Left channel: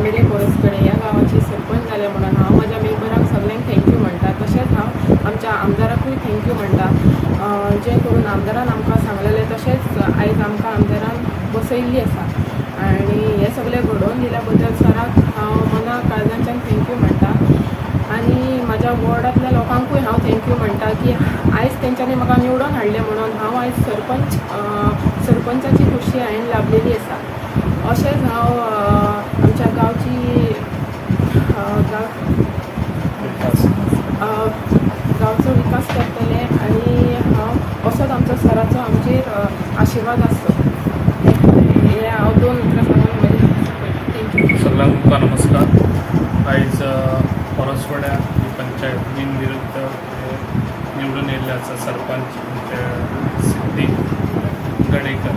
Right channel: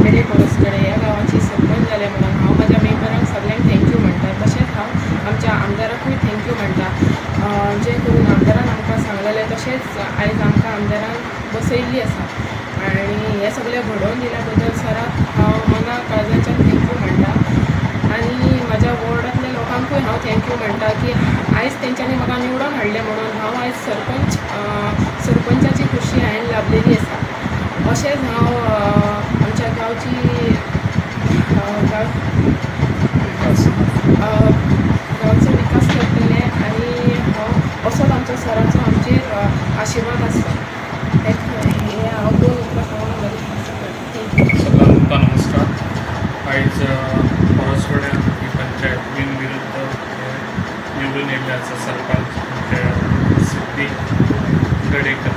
आमेले परसकडे ह्या गांवाची सरपंच जाले म्हणून हांव म्हज्या मेंबरांक सगळ्यांक थँक्यू म्हणटा। तशेंच हांव आमच्या आमदाराकूय थँक्यू म्हणटा, जे करून आमदारान आमकां सांगलेलें तशेंच आयज आमकां आमदारान बसयल्ली आसा आनी हे सगळें घडोवन दिल्या बद्दल सराक हांव मना काळजांच्यान थँक्यू म्हणटा। आनी म्हाज्या वॉर्डांतल्या लोकांकूय हांव थँक्यू म्हणटा की आयज तेंच्यांनी म्हाका निवडून हाडलें म्हणून हांव आयज सरपंचाची खुर्शी हांवें लाभलेली आसा। अशेंच हांव आमच्या गांवची गांवचो विकास करतलें आनी हांव असोच आमचो सराचो आमचेर आशिर्वाद आसता। हे हांव 2 उतरां सांगून म्हजें थँक्यू। सगळ्यांक तुमकां नमस्कार। आयज परसवड्या ही पंचायत बिनविरुद्ध निवडून येयल्ले आसा सरपंच सिद्धी गडेकर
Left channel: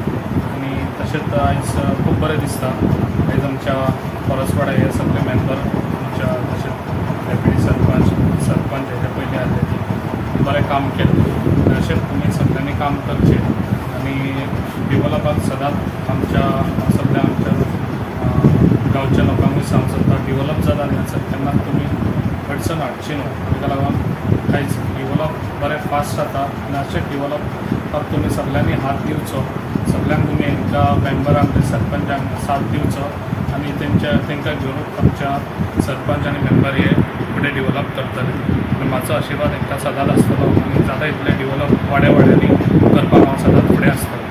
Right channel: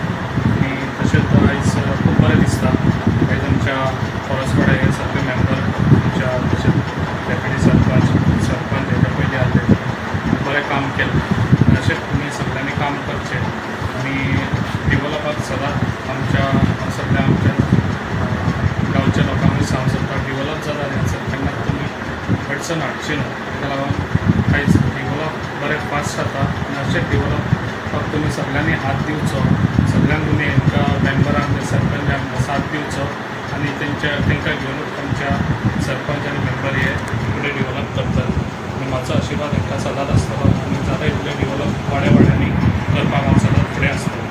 आनी तशेंच आयज खूब बरें दिसता। आयज आमच्या परसवड्या हे सगळे मेंबर आमच्या तशेंच डेप्युटी सरपंच हेच्या पयलीं आसले बरें काम केलें। अशेंच तुमी सगळ्यांनी काम करचें आनी डेवलपाक सदांच आमच्या सगळ्या आमच्या गांवच्या लोकांकूय सांगूंक सोदता डेवलप जाता आसत तेन्ना तुमी अडचण हाडची न्हू। ताका लागून आयज डेवलप बरें फास्ट जाता आनी अशेंच डेवलपाक तुमी सगळ्यांनी हात दिवचो। सगळ्यांक तुमी हांकां मेंबरांक सरपंचांक साथ दिवचो आनी तांकां घेवन आमच्या सरपंच आनी मेंबर हे फुडें डेवलप करतले आनी म्हाजो आशिर्वाद तांकां सदांच आसतलो आनी जाता तितलें डेवलप वाड्या वाड्यांनी करपाक हांव सदांच फुडें आसतलो।